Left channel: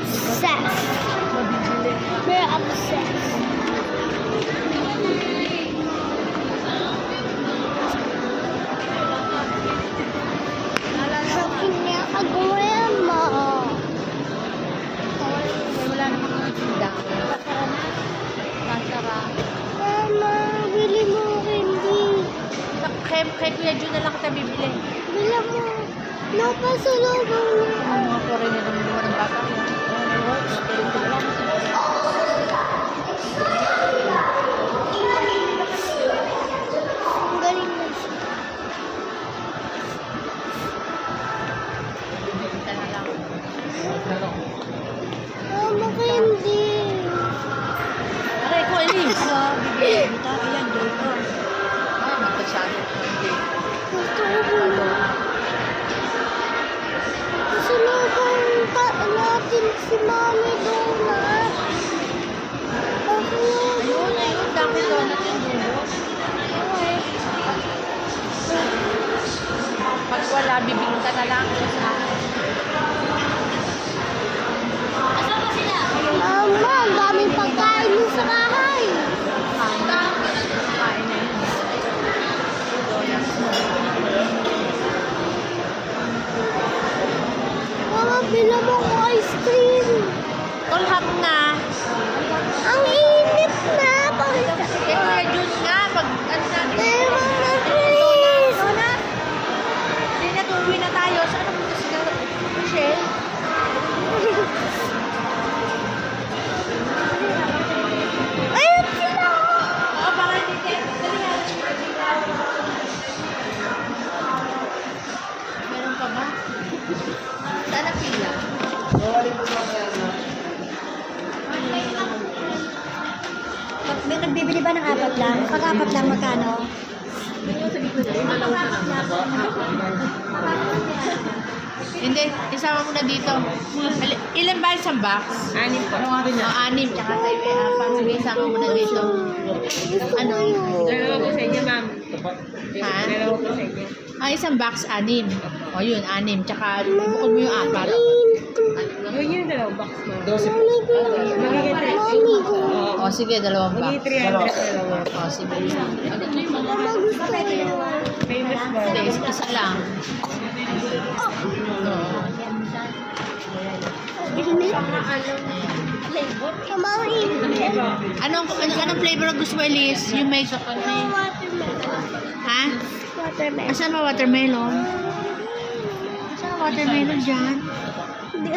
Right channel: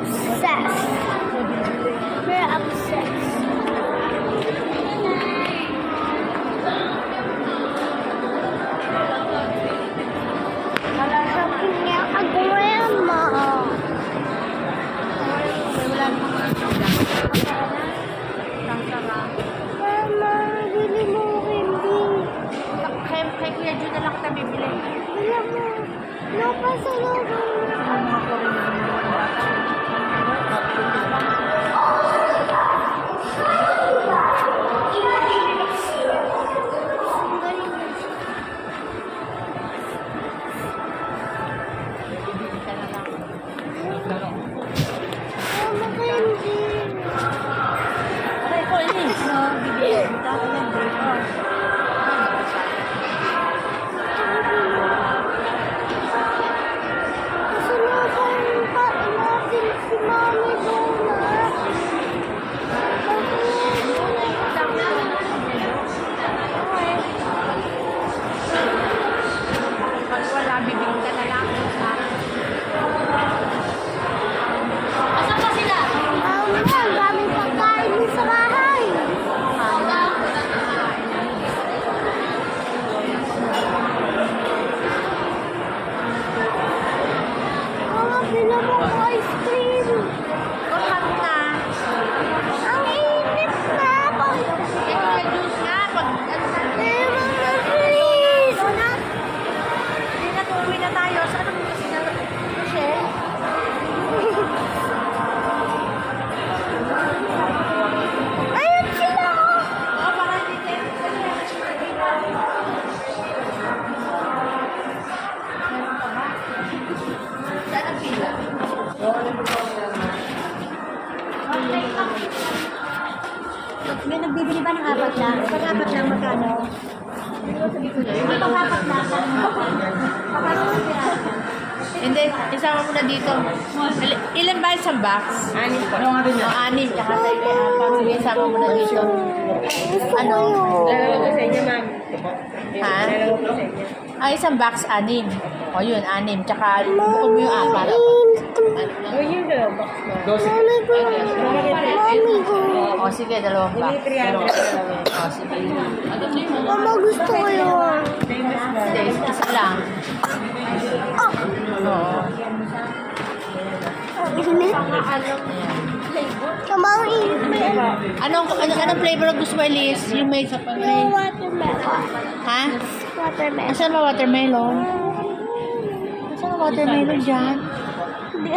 obsessed. Very obsessed. Shopping niya ako ngayon mo. Wala namang mga tindahan. Sasara. Mama, bili mo hindi. Kaya Kuya Jun na lang kita bibili. Bili mo. Napasalubong mo. Ang mga kore na rin mo ng bata. Ang galing mo. Bibili na lang. Mama, hindi. Okay, ko, Elise. Bibili. Ayan, drawer. Magpagsabi. Pasalubong pa natin si Mami Donut. Ayun, ayun. Dami doon at yung dulo. Pag wala, bibili ka na lang. Asan ba sila? Mama, ang daming pagkain mo sa bahay. Mama, pila mo ko ice cream. Wala na. Ang init na. Kaya Jun nga, pag ano natin. Mama, please. Hindi na, tuwi na tayo. Saan naman na sila? Michelle? Ayun sila. Oo, baka hindi tayo. Dali na. Dali na. Meron pa ba? Saan ang pila? May nagbibili ba ng apat lang? Pag apat lang, magkano? Pag apat lang. Hindi, isama mo na dito. Ilan ba isang box? Anim pa. Anim, tsaka sa iyo apat. Sige, isama mo na dito. Ano? Dalawa ko sa inyo, ma'am. Ha? Dalawa ko sa inyo. Isang box, anim. O yun, anim. Tsaka bukod mo yung apat. Oh, yun, dalawa box, ma'am. Mami ko. Mami ko. O sige, dalawang Bili box. 300 dalawa. O sige. Mama, gusto ko yun. Famous ba? Hindi, isa lang. Oh, Oo. init. Ayan. Mama, ang init. Anong flavor gusto mo, Elise? Yung may Watermelon. Ha? Watermelon. Asan ba watermelon? Asan ang watermelon dyan? Hindi.